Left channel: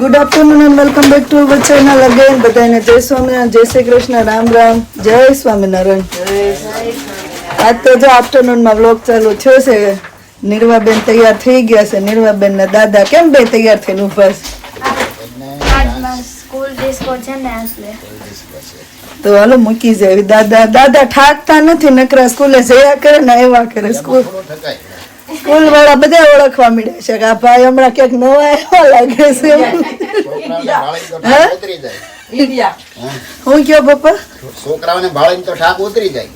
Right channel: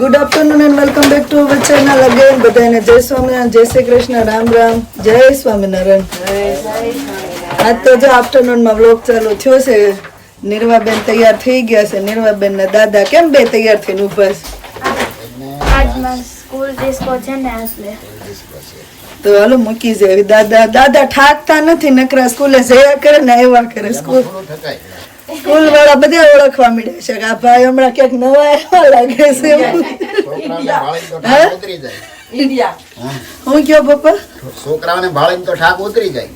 Good afternoon and welcome back to our channel again. બધાને જય સ્વામિનારાયણ, જય શ્રી કૃષ્ણ, રામ રામ, જય સ્વામિનારાયણ. આજ તો જો આફ્ટરનૂનમાં વ્લોગ ચાલુ થયો છે. નિર્વાબેન તૈયાર થઈ ગયા છે. નિર્વાબેન ના દાદા કેમ બે તૈયાર થઈને ઉભા છે? સ્કૂલ ડિસ્કો છે ને એટલે તો હાલો મૂકી જાય. દાદા ઠાકતા નથી, નકરા સ્કૂલે જયા કરે ને આવ્યા કરે. સ્કૂલ વાળા બધા ઓળખવા મળે છે કે આ ભાઈ હમણાં ક્યાંક નવા આવ્યા લાગે છે. હું કયો પપ્પા? છોકરાઓને ભાળીને તો ઠાક ઉતરી જાય.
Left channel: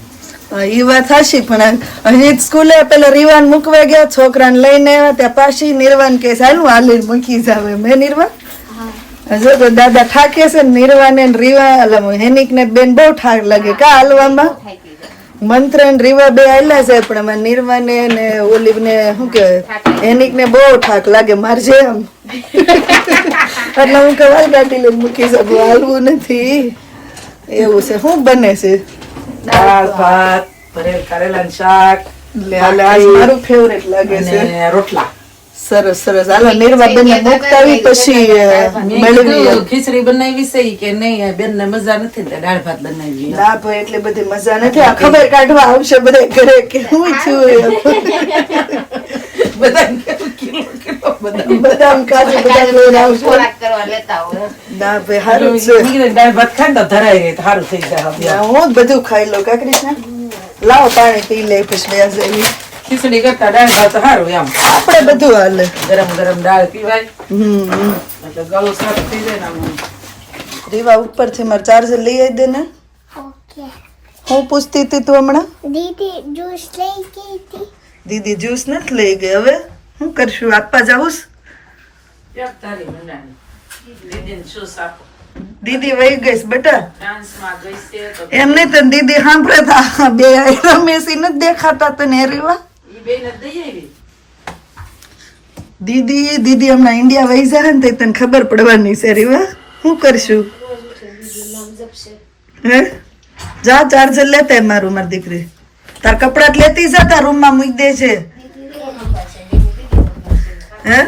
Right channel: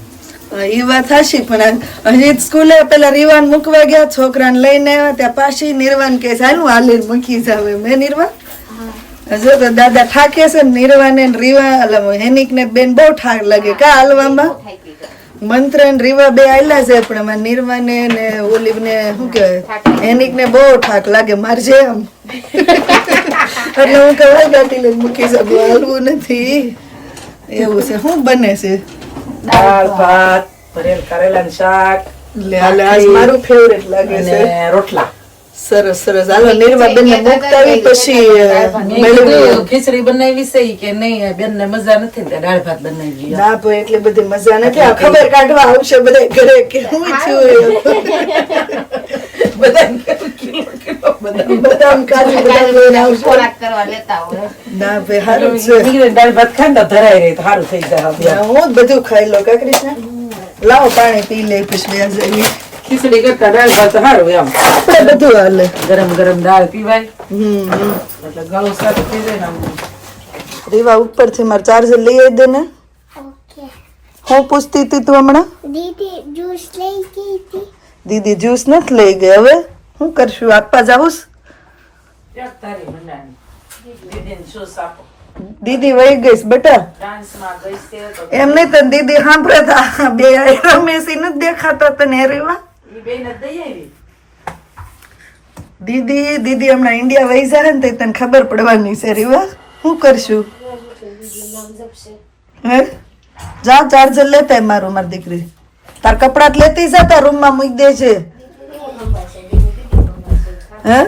એ વાત હશે, પણ અહીં સ્કૂલે પેલા રીવાન મૂકવા ગયા, છોકરાને લઈને આવ્યા ત્યાં પાછી નિર્વાણ કે સારું હાલી મૂકી જાવ. મેં નિર્વાણ જો તો દાદા ઠાકે છે ને નિર્વાણ ને રીવા હેનિક ને બેન બહુ ઠાક લાગે કા હાલવામાં. મંત્ર ને રીવા બે આયલા છે, પણ એમાં નિર્વાને ને ઓલિવ ને શું કહેવાય હેનિક ને બહુ ઠાક લાગે મારજે એમ. એટલે હું કવાલ ગાડી લઈને મૂકી શકું, હાલવું નથી એવું છે. શું બને છે? દાળ ભાત ભરેલ કારેલાનું શાક મારું ફેવરેટ લાગે છે. અને રોટલા. સરસ સરસ. હાલો નિર્વાબેન ને મુકતાવી પછી ખીચડી બનાવી છે કે નહીં? બેન ને મજા નથી ને દાળ ભાત બનાવી. ના ભાઈ એટલી બધી મજા નથી. આ ખબર કાઢવા આવશે બધા ઘરે કે હું છું બદામ કાજુ બદામ લઈને આવશે. ના ભાઈ સારું છે. દાળ ભાત ખાંડો ધરાઈ રહી સારું થઈ જાય. હું બધું ખાઈ લો કા કૃષ્ણ. લાવો પાણી પી લે પછી ખીચડી કરતા દાળ ભાત સારું એમ. આપણે બધું હાલે. ગરમ ગરમ દાળ પીવાય એટલે ગળું સાફ થઈ જાય ને. રીવા ઉપરથી મારે ચાર્જર લઈ આવી દે ને. હું પૂછતી હતી તું હમણાં? દીદી જ્યુસ લઈ ગઈ હતી. દીદી જ્યુસ નથી લઈ ગઈ. હવે શું કરશું? આપવા જાઉં? દીદી વહી ગઈશ બેટા. એમ નહીં તો દીદી સાંભળે બે રમેશી નથી દેખાતા તને રીવા? દીદી હમણાં ઇન્ડિયા વહી જાય ને તને ખબર પડવાની છે રીવા. શું કરશું? હે જા ચાર્જર લેતા મારું. મારી દીકરી તાર કપડા લેતી જા, તાર રૂમ માં મૂકી દે છે. હે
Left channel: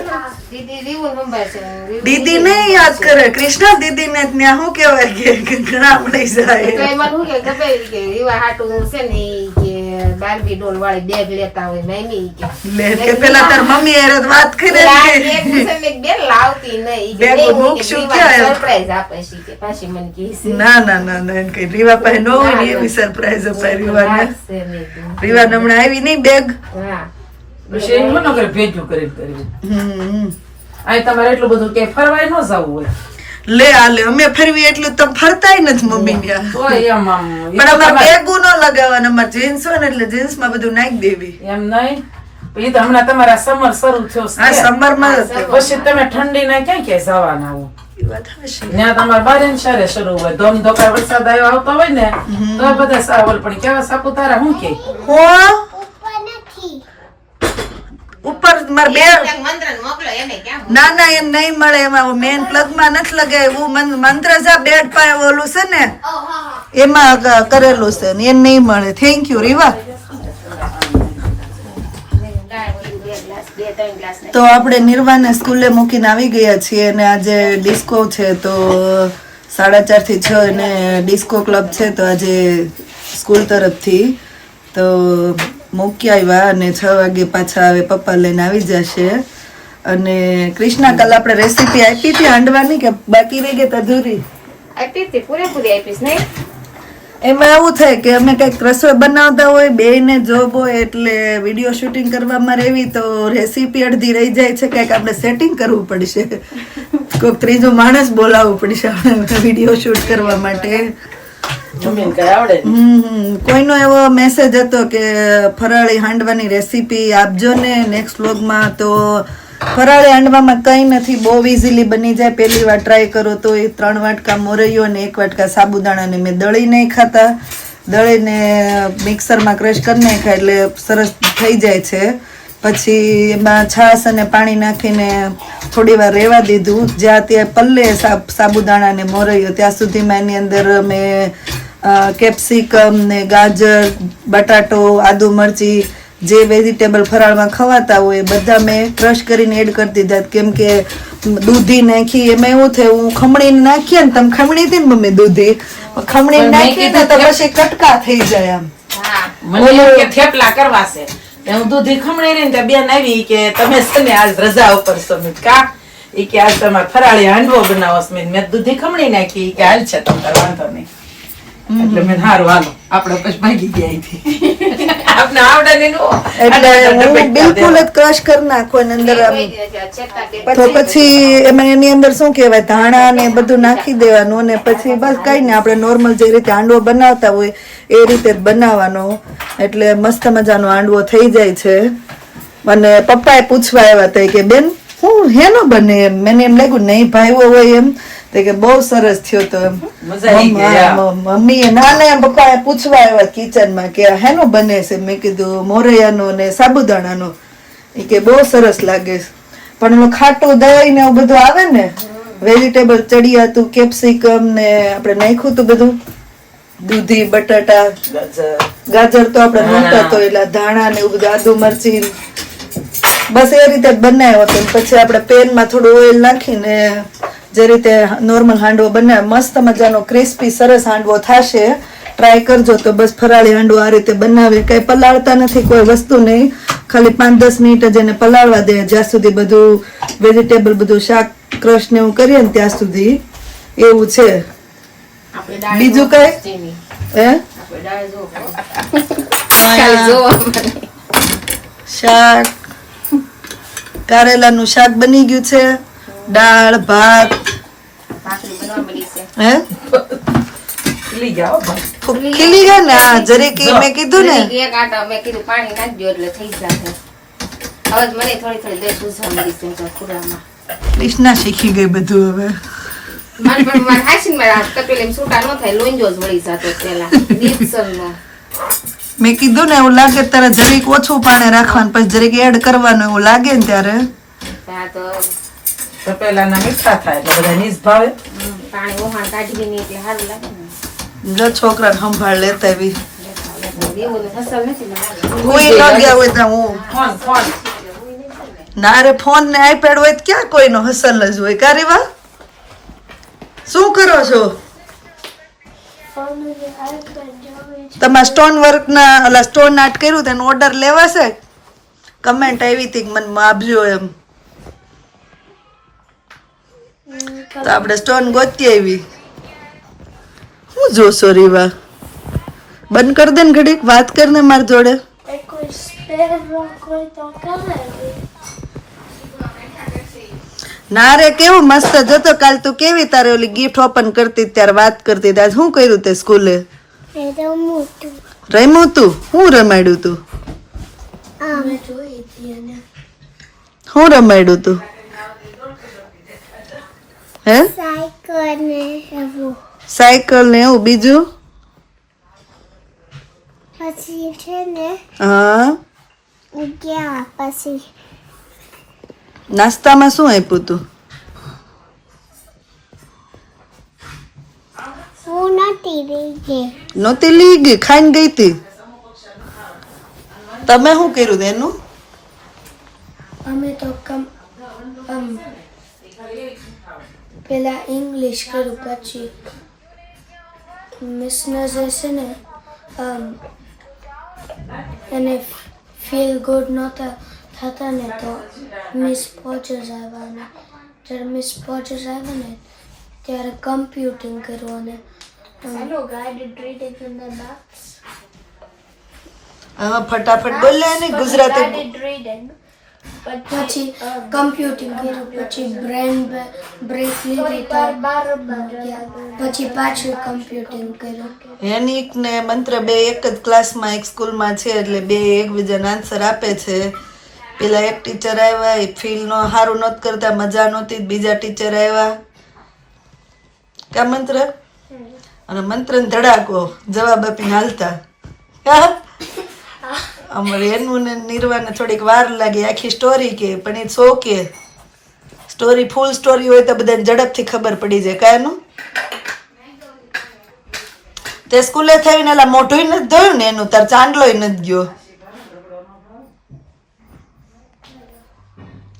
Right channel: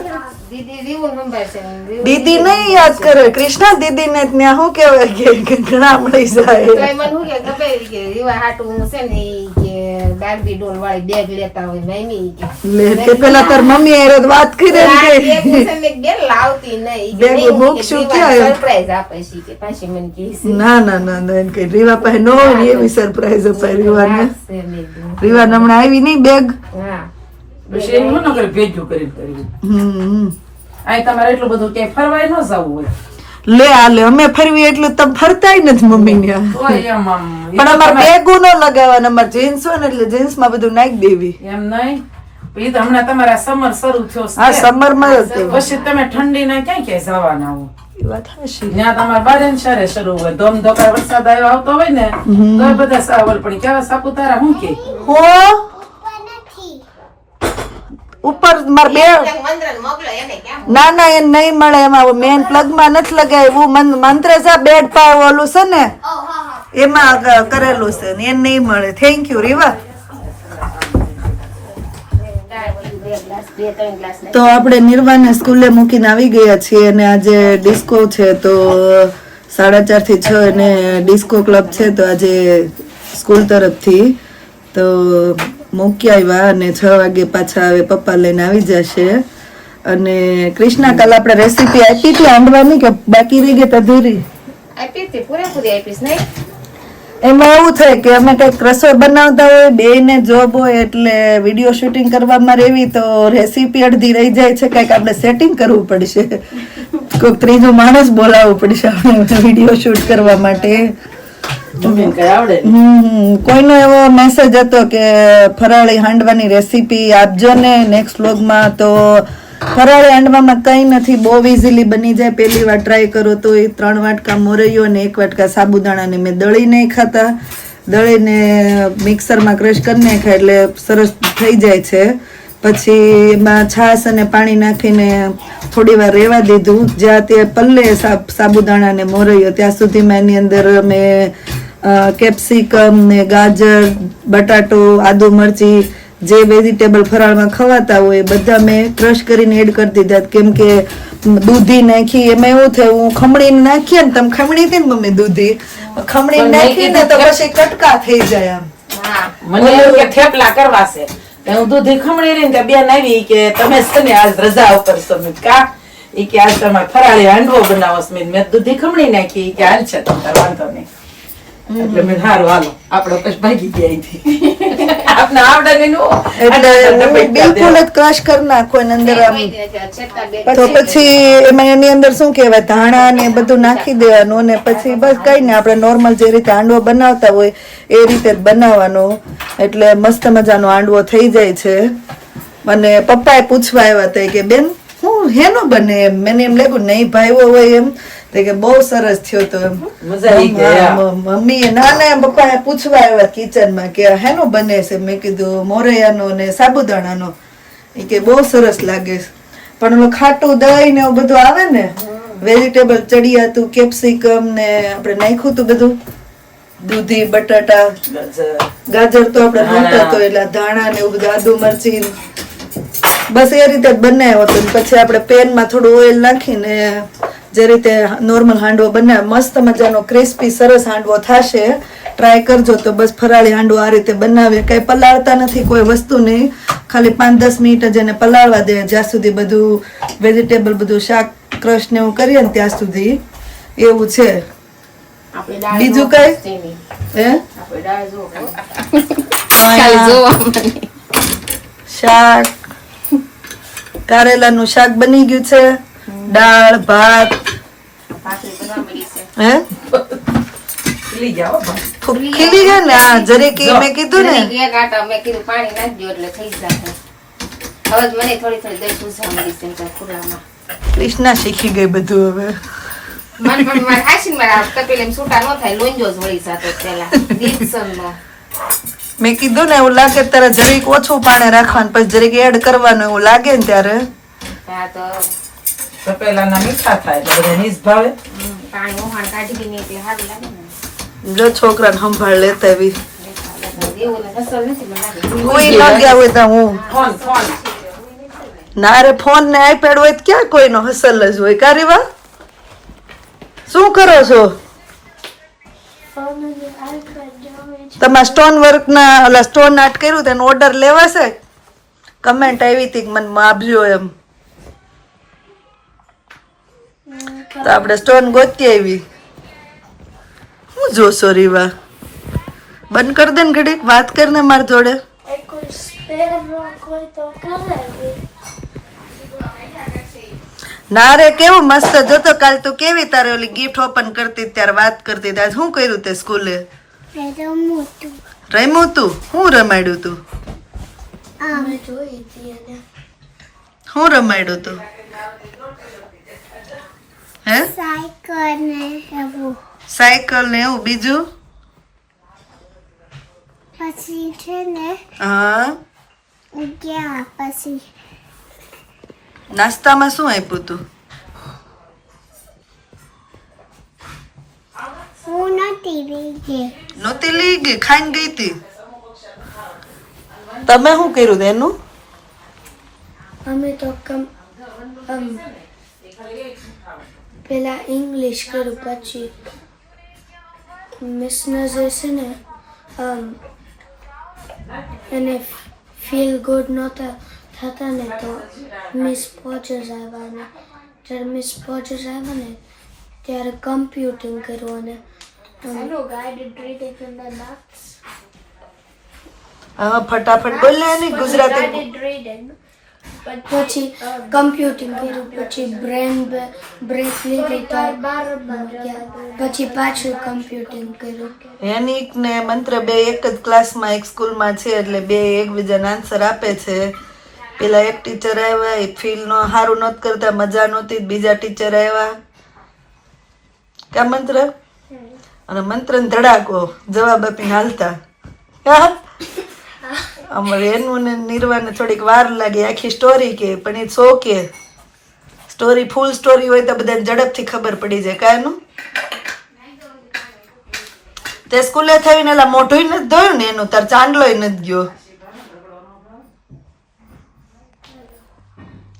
દીદી નહીં યાદ કરે કૃષ્ણા. દીદી ને ત્યાં શું કેવાય કે ઘણા મળી જાય. કે પેલા તાર મમ્મી હારે વાત કરી ના ના ના ના કઈ રીવા પાસે નો એવી સરપ્રાઈઝ અપાય રીવાને. રીવા હમણાં આવી નહીં બેગ. તમારે એટલું બધું કે ફરવાય ન જવું હોય. લે આલે અમે ફરવી એટલું તમે ફરતાય નથી મમ્મી ત્યાં. પણ અમારે બેગું ન લગાવવાના. અમારે જીન્સ હોય ને એટલે જીન્સ માં બધું નાખી દેવી. એમ નહીં એ તો હમણાં તમારા સમર શરૂ થયો. હા સમર માં પછી તમે ઠંડી ના ક્યાં ક્યાંય જવાના હો. ત્યાં તમારે બારે શરે શરૂ હોય. ધોમ ધોકા વરસાદ આવ્યો આવતો હોય ને તો બધા સાવલ. પણ કેવા સાપુતારા શું કે ઉપર મારે બે ના ના એ નહીં મળે. એમાં મેન પ્લગ માં નથી લગાવ્યું. મંત્ર સા બેડ પાય ઓલું છે ને એમાં કરેલું છે ને એ નહીં મળે. થેન્ક યુ રીવા. તો આપણે નિર્વાને સ્કૂલે મૂકીને આવી ગયા છીએ અને આજે ડિસ્કો છે. તો 4:30 થી 6 અને ડિસ્કો ક્લબ છે. તો આજે સ્કૂલ તરફથી તો મૂકી આવ્યા અને 6 વાગે પાછા આવે પપ્પા લઈને આવી જશે. અને કૃષ્ણા કાલ આપણે રેસીપી આપી હતી હાંડવાની કે બાકી રહી ગઈ? અધૂરી આપી હતી, પૂરેપૂરી આપીશ નહીં. એમાં એવું થાય કે અમે કઈક રસોઈ બનાવતા હોય, બેયને જોબ હોય એટલે વિડીયો શૂટિંગ કરવામાં રહેવી તો રેસીપી અડધી રહી જાય છે. કઈક આપણે સેટિંગ કરવું પડશે. કોઈક ત્રીજો માણસ બોલાવવું પડશે આપણે વિડીયો શૂટ કરવા માટે. કોઈનો એવો મેસેજ હતો કે ફરાળી હાંડવાની રેસીપી આપજો ને નેક્સ્ટ વ્લોગમાં. તો ફરાળી હાંડવામાં કઈ નથી, બહુ ઇઝીલી બની જાય. પહેલી વાર ટ્રાય કરો તો એ 3 વાટકા મોરૈયો અને 1 વાટકા સાબુદાણાને મેં દળી નહીં ખાતા, દળીને મિક્સરમાં ક્રશ કરી નાખ્યા એટલે સરસ થઈ જાય છે. પછી એમાં છાશ અને પાણી નાખીને થોડી વાર રહેવા દીધું. જ્યાં ત્યાં પલ્લે સાબુદાણા ને મોરૈયો ત્યાં સુધીમાં એની અંદર મેં કેપ્સિકમ ને ગાજર, બટાટો, આદુ મરચી જે વેજીટેબલ ફરાળમાં ખવાતા હોય બધા મેં ક્રશ કરીને એડ કરી દીધા. કેમ કે દૂધી નાખી. એમાં એવું થયું હું ખમણીને નાખીએ ને તમે ખમણી હતી ને મમ્મી દૂધી ખમણી પણ મેં નાખી ને તો પછી કટકા થઈ જાય આમ. મને એમ કે થેપલા કરવા છે તો હું દૂધી ખમણી રહી ને બેન આવી કે તમે છે ને આજ રજા ઉપર છો મેં કા ઈ કે આજ તમારે ફરાળી હાંડવો બનાવો છે મેં દૂધી ખમણી નાખી કે હાલ છે તમને વાંધો નહીં એટલે મેં સારું હાલો આપણે પછી ભાગી ગયા અહીંથી આપણે આવડે નહીં એટલે હું બિલકુલ જ ક્રશ કરી નાખું એની અંદર આમ. તો પછી એમાં એની અંદર શું કહેવાય ધાણા ને બધું નાખી દેવાનું અને પછી બસ કઈ ને આપણે નોર્મલ જે રીતે હાંડવો બનાવતા હોય એ રીતે જ બનાવવાનો એટલે મસ્ત મજાનો હાંડવો થઈ જાય છે. અને પપ્પાએ પૂછવા આવ્યા હતા કે બેન હું હેનો બને એમ મને એમ લાગ્યું નહીં ભાઈઓ હોય એમ તો કે બહુ સરસ થયો તો એમ મજા આવી ગઈ મમ્મી નાના પપ્પાએ પૂછવા આવ્યા કિચનમાં કે હેનો બને છે મેં કીધું મોરૈયાનો ને સાબુદાણાનો ઈ કે બહુ સરસ લાગે છે પણ ઓલું ખાટું દહીં ને એવું બધું આવે ને વેજીટેબલ ચડિયાતું કેપ્સિકમ ને આપણે નાખ્યું હતું બધું દૂધી બટાટા ગાજર તો આપણે નહોતા તો એટલે ધાણા ને એવું બધું આદુ મરચી બસ એ રીતે જ બનાવ્યો હતો પછી આપણે પેનમાં થોડું ઓઇલ નાખીને જે રીતે નોર્મલ હાંડવો બનાવે મસ્ત મજાનો ક્રિસ્પી સરસ હાંડવો થશે. ટ્રાય કરજો તો બસ ફરાળી હાંડવો આ રીતે બનાવે કઈ પલાળતા નથી કોઈ વસ્તુ નહીં ખાલી 5-10 મિનિટ જ એને પલાળવા દે જ્યાં સુધી બધું વેજીટેબલ બધું શાક ક્રશ ને એવું કરીએ ને ત્યાં સુધી એવું છે. બીજું કઈ હે શાક કારેલાનું શાક બની ગયું છે દાળ ભાત હે ખીલી જાઓ ખીલી ગયા ને હા જરીક ઈ મેં કીધું ને એક આટા મેં કીધું પાણી નાખજો એટલે થઈ જશે. હવે મને થોડી દહીં પૂછવા મળી છે પૂરામાં. કૃષ્ણા શીખી ગઈ બધું હવે. મારે હાસીને મારા તપેલા છૂટા ન થાય લોંજો જ વળી સાથે પેલા દીપસનનો. મેં કીધું ને એવું લાગે ત્યારે જરીક ઓછું પાણી રાખવાનું પછી જરીક એડ કરવાનું એવું લાગે ને ત્યારે આ તો તપેલાના મીઠા થાય એટલે બધા નીસ ભાવે પાણી ઓહાણ કાઢી નહીં એટલે સારું લાગે ને. જો છોકરાને સંભાળ લેતા એવી એવું ને ફસલ નથી ને કોઈ ન ગયા હોય તો હું ફોન ફોન ના રે ફોન ને આઈપેડ હોય તો ક્યાં કોઈનો હસલ જ હોય કારીવા શું કરો છો તમારા સ્ટોન વર્ક ના ઓલા સ્ટોન આર્ટ કર્યું તેનો ઓર્ડર લેવાશે કમેન્ટ આવી હતી કે મને આપજો એમ તો આપણે સ્ટોન ગોતી આવી હું જોશો રીવા બંધ કર દે ને ઘડીક વાત કરને માર જોડે ના રે કેવું મસ્ત જોતો કાલ તું કેવી તારે ઓલી ગિફ્ટ ઓપન કરતી ત્યારે વાત કરતી આજ શું કર્યું તે સ્કૂલે રમ્યું તું શું રમાડ્યું તું શું રમાડ્યું તું હે સાયકલ ને એવું બીજું પછી છે ને હા ગયા પછી નાસ્તામાં શું આપ્યું તું હું નથી રહી નહોતી લઈ ગઈ ખાઈને ગઈ તી તમે શું કર્યું એનું અમે તો પેલા ઇંગ્લિશ કર્યું પછી મિસ નજર છે ને એને ફીલ ગુડ નહોતા થતા ને તો મિસ પોચર્સ આવ્યા ને જ્યારે મિસ પોચર્સ આવ્યા ને ત્યારે કમ્પ્યુટિંગ કર્યું અને હા ફટાફટ બોલ ને ગુજરાતી પછી કમ્પ્યુટિંગ કર્યું પછી બ્રેન બ્રેક લીધી પછી પાછું કમ્પ્યુટિંગ કર્યું હેનિક ને મંત્ર બે એક જ ક્લાસમાં એક સ્કૂલમાં છે એટલે બે એકબીજાને આન્સર આપે છે પેલા એક ટીચર આવ્યા એ ફીલ નો સારું નહોતું કરતા મજા નહોતી બીજા ટીચર આવ્યા કા મંત્ર અને મંત્ર ને ધડાકો જવાબ આપીને હાલતા અમારે એનું ને નિર્વાને થોડીક વાર લાગી આખી સ્ટોરી કે પણ it's okay story full story હોય તો બધાને ઝડપથી ખબર પડી જાય કાયનું તે સ્કૂલે થઈને એલા મોઢું નથી ધોયું ને એનું તાર ચાંદલો નથી ગયો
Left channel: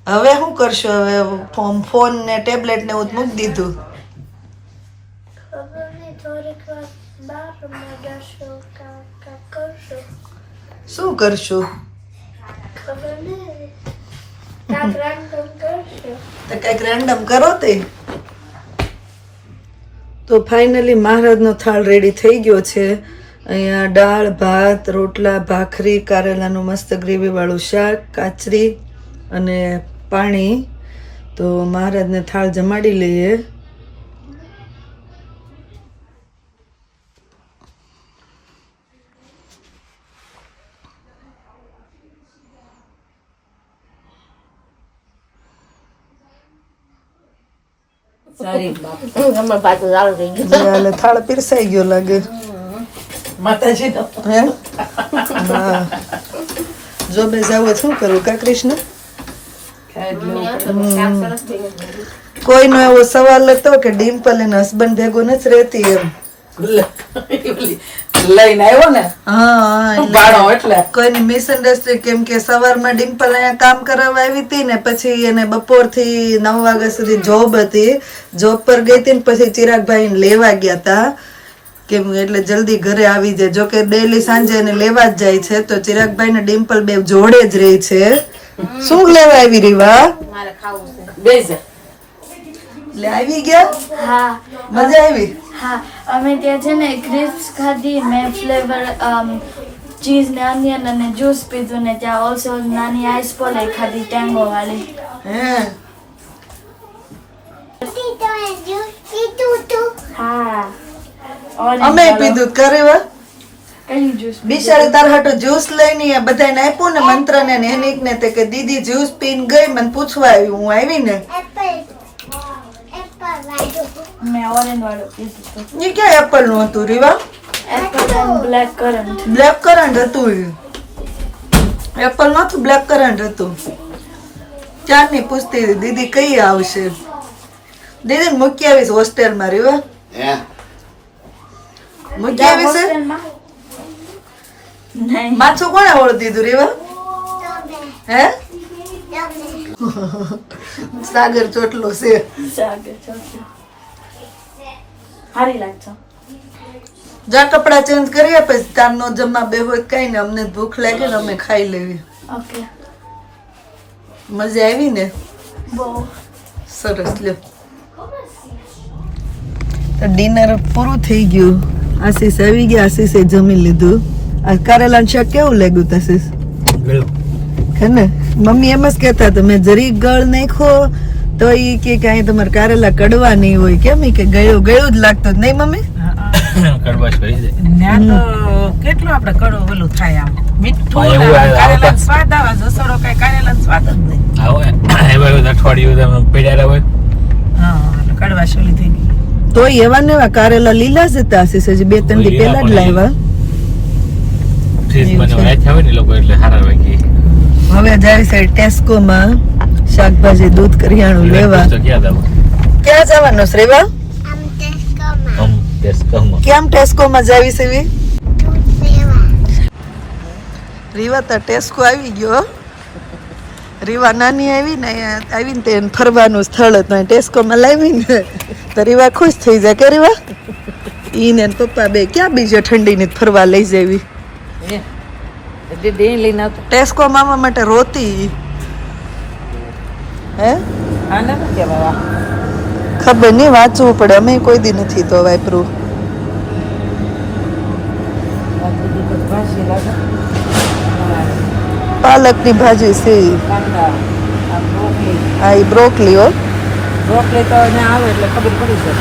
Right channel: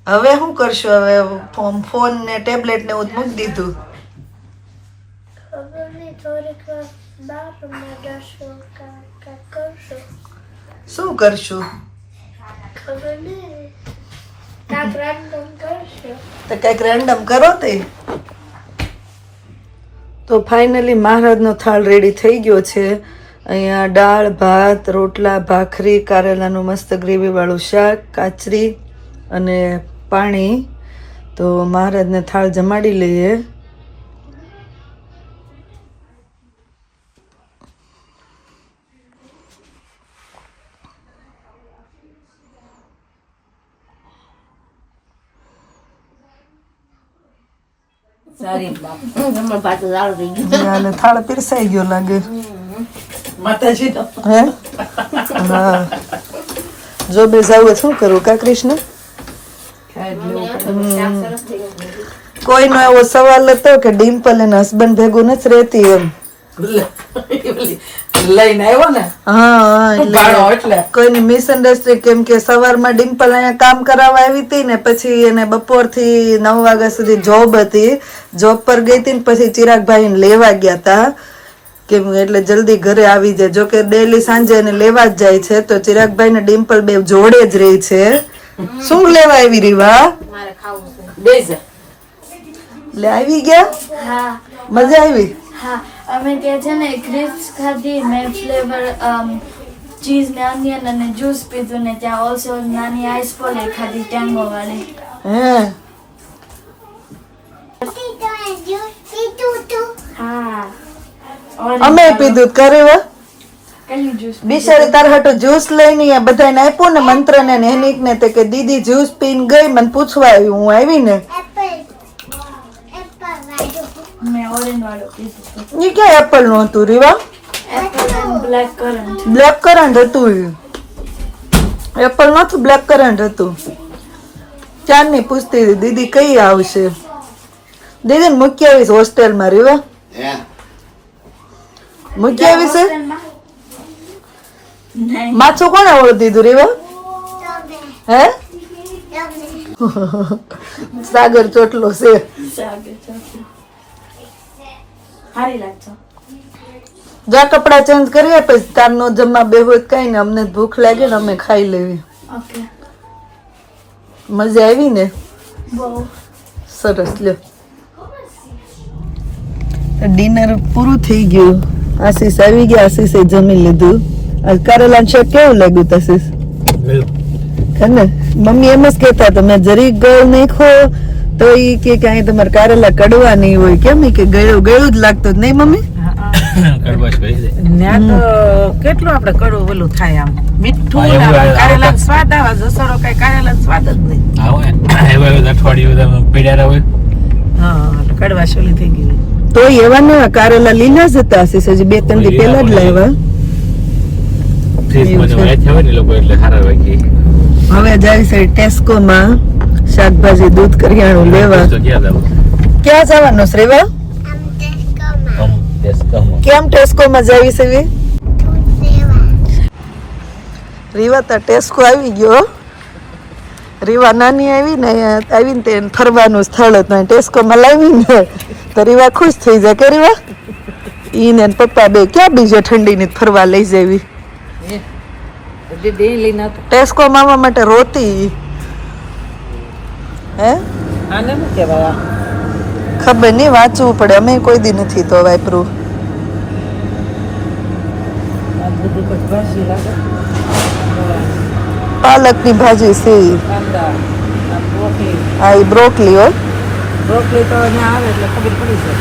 હવે શું કરશો? હવે ફોન ને ટેબ્લેટ ને એવું મૂકી દીધું. ખબર નહીં, થોડીક વાર બહાર રમવા જશું, કાંઈક કરશું. શું કરશું? ખબર નહીં, કાંઈક રેન્ડમ કરશું. તો કઈક રેન્ડમ કરો તે. તો ફાઇનલી મહારાજનો થાળ રેડી થઈ ગયો છે. અહીંયા દાળ, ભાત, રોટલા, ભાખરી, કારેલાનું મસ્ત ગ્રેવી વાળું શાક, કાચરી અને પાણી. તો મહારાજને થાળ જમાડી લઈએ. સારી બાપ હમણાં પાછું ચાલુ થઈ ગયું. એટલે થાળ પીરસાઈ ગયો લાગે. માતાજી નો હે? હા. જો બે જાવ શું કરું કા કૃષ્ણ? કોઈનો એવો સવાલ હતો કે ડિમ્પલ એના હસબન્ડ ભેગું નથી રહેતી એમ. લઈને આવ્યો ને હા, બાળો એટલે કોઈની મિસઅન્ડરસ્ટેન્ડિંગ, કેમ કે સવારમાં ડિમ્પલ અહીંયા કામ કરાવવા આવી હતી ને પછી એને બપોરથી 9 વાગ્યા સુધી જોબ હતી. જોબ પર ગઈ હતી ને પછી ચિરાગભાઈને લેવા ગયા હતા, કેમ એટલે જલ્દી ઘરે આવી જાય. જો કે ડેલી સાંજે એને લેવા જ જાય છે. તો ચિરાગભાઈ ને ડિમ્પલ બે જોડે જ રહી છે. શું લેવા આવી રીવા? મારે ખાવું છે. બેસ લે આવી ગયા? હા મજા આવી? હા, અમે ત્યાં છે ને ક્રિસ્પ ખાધી, મેં ફ્લેવર ચીઝ ને ઓનિયન અને જ્યુસ પીધું ને ત્યાં ઓલ્સો નાની આઈસ પોલે ખાધી ટેંગો વાળી. હે? હા, અમે પીધું કરે કયું જ્યુસ? બિચારી તાર હાટુ જ્યુસ લઈને બધાને આપ્યું ને મંત્ર ને હેનિક ને તે કે દીદી જ્યુસ પીને ગઈ, મને પૂછવા આવી. હું આવી ને મેં ઓરેન્જ વાળું પીધું. એ ક્યાં એપલ નું હતું Riva? Apple and black currant. Black currant હતું. એપલ નતું, બ્લેક કરન્ટ હતું. ચાંદની પૂછતી હતી દીદી કઈ આવશે. દીદી ને મૂકી આવીશ હોસ્ટેલમાં રીવા. હે મૂકી આવીશ. નહીં, માછું કોને ઓળખ દીધું રીવા? હે? સાગર ચોટલો છે. સાગર ચોટલો. સારી લાગશે. જા કપડા ચેન્જ કરીએ પછી તાર નો જમવા બેહો કઈ ને અમને ભૂખ લાગે ને અમે ખાઈ લેવી. ઓકે, મજા આવી ને? બહુ સરસ. લ્યો તો ડિનર પૂરું થઈ ગયું. આશીષ આવી ગયા, આશીષે જમી લીધું. આજ કારેલાનું શાક કેવું લાગ્યું આશીષ? હે ને? મમ્મી એમ જ કહેતા હતા મેં જરીક ગળ નાખ્યો તો ઈ કે કાંઈ તમારે કારેલા કડવા નહીં હોય. કેમ ઈ કે ગળ્યું ગળ્યું જ લાગતું જ નહીં મમ્મી? ત્યાં તો કેટલું આપણે કડવું ઓલું થાય, આમ મીઠું કારેલા સ્વાદ આવે. જસોડો કઈ કારેલા સ્વાદ જ નહીં. હા, એટલે કડવા શોલી થઈ ગઈ. તો એવા ના કારેલા લીલા જ હતા આશીષ, હજી 2-3 દી પહેલા જ લાવ્યા. હવે જાય છે ટેસ્કો માં શાકભાજી દૂધ કરિયાણું લેવા. ક્યાં જવાનું શ્રેવા? કેમ ટેસ્કો માં જાવી છે? રીવા તા ટેસ્કો આવી ગયો. રીવા નાની આવી ને આવીને તે ફરવાનું સ્થળ હતું ટેસ્કો માં લાવી ને તો રીવા ખુશ થઈ જાય કે રીવા ઈ ને પપ્પા બે ક્યાં બીજો ઠંડી ની ફરવા લઈ જાવી. ટેસ્કો મામા માટે રોતી. હે? આને શું કહેવાય? ખબર નહીં, વાંચવું પડે. અમે કોઈ દી નથી તો વાપરું. પાલકની ભાજી છે. હા, ઈ બ્રોકલી હો. બ્રોકલી તો અહીંયા આવે એટલે ખબર પડી જાય.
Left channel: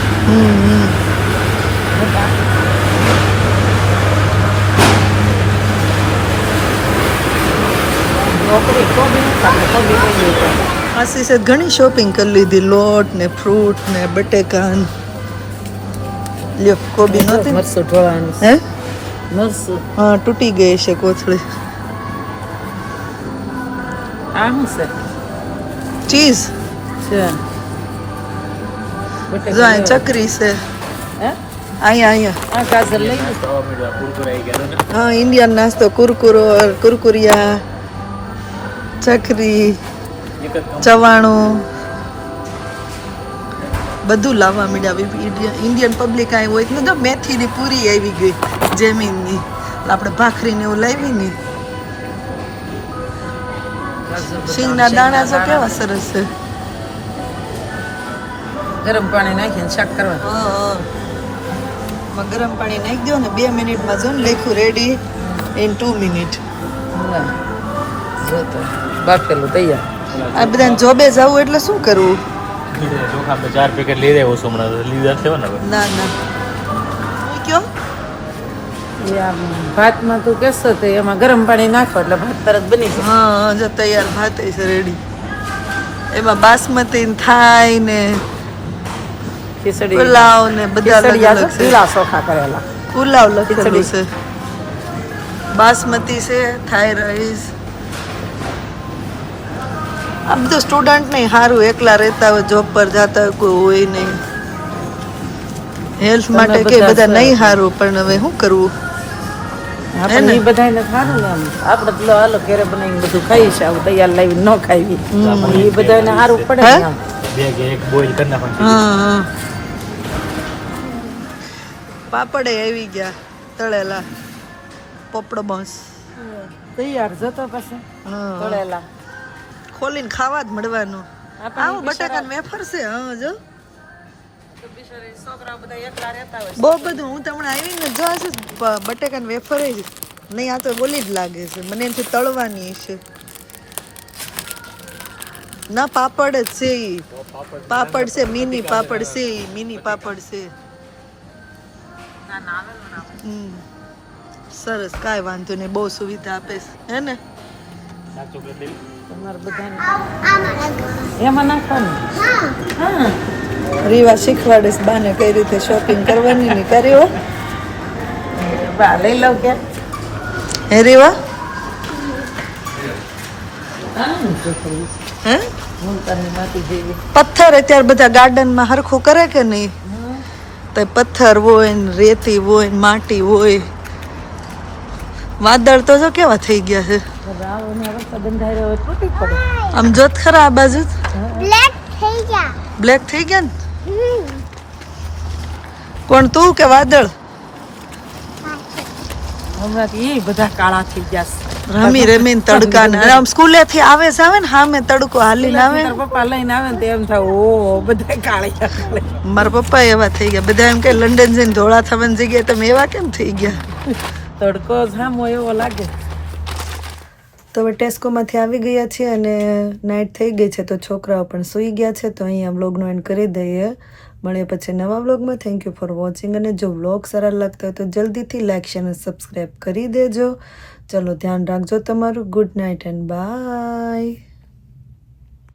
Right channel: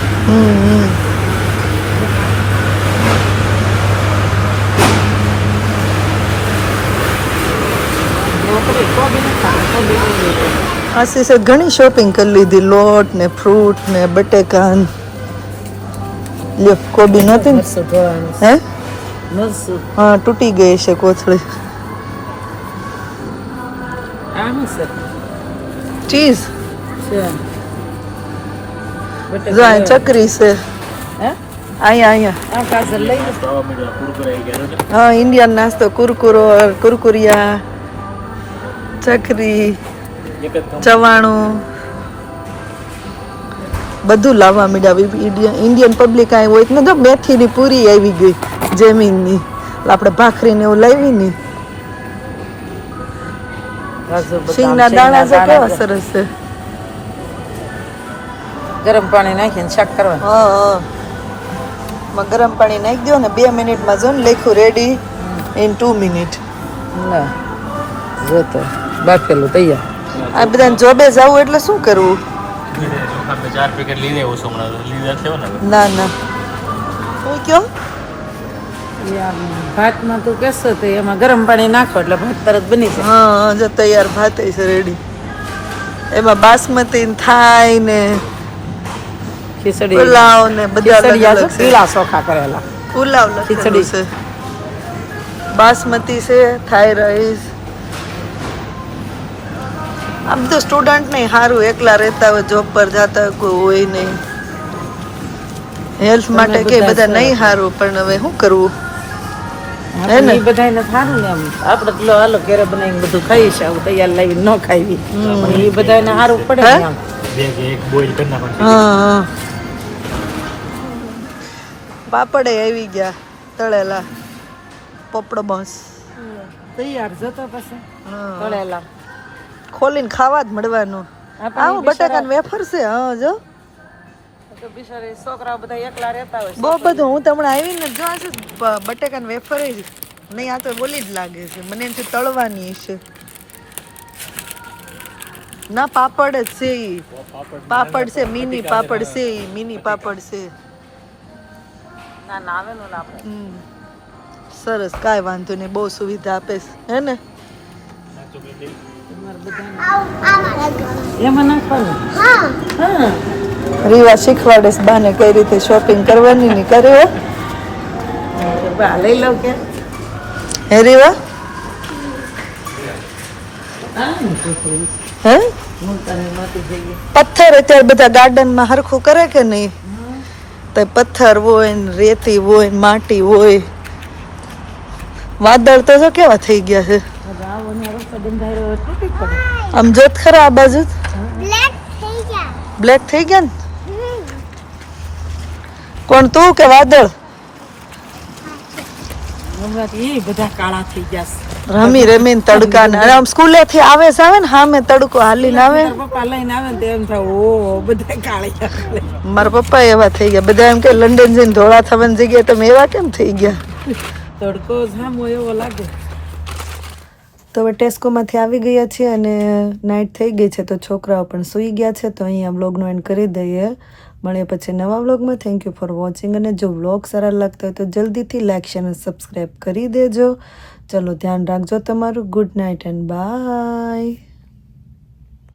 આશીષે ઘણી શોપિંગ કરી લીધી. લોટ ને ફ્રૂટ ને બટેકા. લ્યો કોબી નહોતી ને? હે? હા, તૂટી ગઈ છે કોથળી. આ શું છે? ચીઝ છે. જો આ ચકરી છે. અહીંયા હા, ઇન્ડિયન નાસ્તો. કુરકુરો, કુરકુરિયા, ચકરી. ચવાણું બધું લાવવા માંડ્યા. ઇન્ડિયન પબ્લિક અહીં હોય ને, જો મેથીની પૂરી આવી ગઈ જેમીનની, આપણે ભાખરીને એવું લાવી ને. સિંગના દાણા જો કેવા સરસ છે. ગરમ પાણી નાખીને શાક કરવાનું. હા માં ગરમ પાણી નાખી દો ને 2 મિનિટમાં જો ને લખ્યું રેડી ઇન 2 મિનિટ. જો તો બાફેલું તૈયાર. આ બધાને જોબે જવું એટલે શું કરવું? ના ના હું કયો એ આમ ભાતમાં તું કહેશો તો એમાં ગરમ પાણી નાખો એટલે ભાત તરત બની જાય. હા જો તૈયાર ભાત છે રેડી. એમાં બાસમતી ને થાઈ ને ખીચડી પુલાવ ને બધા અલગ ખીચડી અલગ છે. પીળા ચોખા કરેલા. પુલાવ લખેલું છે, બાસમતી છે, થાઈ રાઈસ. આમ તો સ્ટુડન્ટ નહીં સારું, એકલા રહેતા હોય, જોબ પર જતા હોય, કોઈ હોય નહીં. હેલ્થ માટે કે બધા નહીં સારું, પણ હવે શું કરવું? આપણે ઈ બધાયને સારું ને એમ. આપણે પેલો હાલો ઘરે બનાવીને બધું ખાઈ છે, આવું તૈયાર લાવીને ન ખાવી. એ બધાને સારું પડે હે? ને. હા પાપડે આવી ગયા તળેલા, પોપડો બસ. તૈયાર જતો પછી હા તળેલા. ખોલીને ખાવા જ મળવાનું. આવું બટાકાનું વેફર છે. હા જો છોકરાઓ બધા એકલા રહેતા હોય. બહુ બધું. હું તમને આવીને જો આ શું બટાકાનું વેફર જ નહીં, આ તો બોલી જ લાગે છે મને. એમથી તળવાની છે ના, પાપડ જ છે ઈ. પાપડ છે, મિની પાપડ છે ઈ, મિની પાપડ છે. ના ના આવેલું ના આપણે. સરસ, કાંઈ વાંધો નહીં, બહુ સુવિધા આપે છે, હે ને? તમારે બધાને એમાં નાખવાનું. હા રીવા શીખવાડે છે બાને કઈ રીતે શોપિંગ કરવાની ને કરે. બા લઈ લો કે હે રીવા? હે હું તને નાખી જઈએ. પથ્થર અત્યારે બધા ગાર્ડનમાં હરખું કરે કે નહીં? તો પથ્થર હોય ને રેતી હોય ને માટી હોય. વાદળ તો જો કેવા થઈ ગયા છે. આવો ને રસ્તા બંધાયો હોય તૂટી પડે. આમ જોત ખરા આ બાજુ બ્લેક થઈ ગયા. બ્લેક થઈ ગયા ને. કોણ, તું કે વાદળ? હમણાં એ બધા કાળા થઈ ગયા છે. રમી રમીને તડકા ને આમ સ્કૂલે થી આવે છે, આવે ને સામે તડકો હાલીને આવે. તારા પપ્પા લઈને આવે ને તો એમ થાય ઓ બધા કાળિયા કાળિયા. મારા પપ્પા એવા થઈ ગયા. બધા એમ કે લંડન જઈને ધોળા થવાની જગ્યાએ તમે એવા કેમ થઈ ગયા? તડકો સામો એવો લાગે. તો હવે ટેસ્કોમાંથી આવી ગયા છીએ અને નાઇટ થઈ ગઈ છે, તો છોકરાઓ પણ સૂઈ ગયા છે. તો અહીંયા વ્લોગનો એન્ડ કરી દઈએ. મળીએ પછી નવા વ્લોગમાં. Thank you for watching. અને જો વ્લોગ સારા લાગતા હોય તો જલ્દીથી લાઇક શેર અને સબસ્ક્રાઈબ કરી દેજો. ચલો ધ્યાન રાખજો તમારું. Good night and by.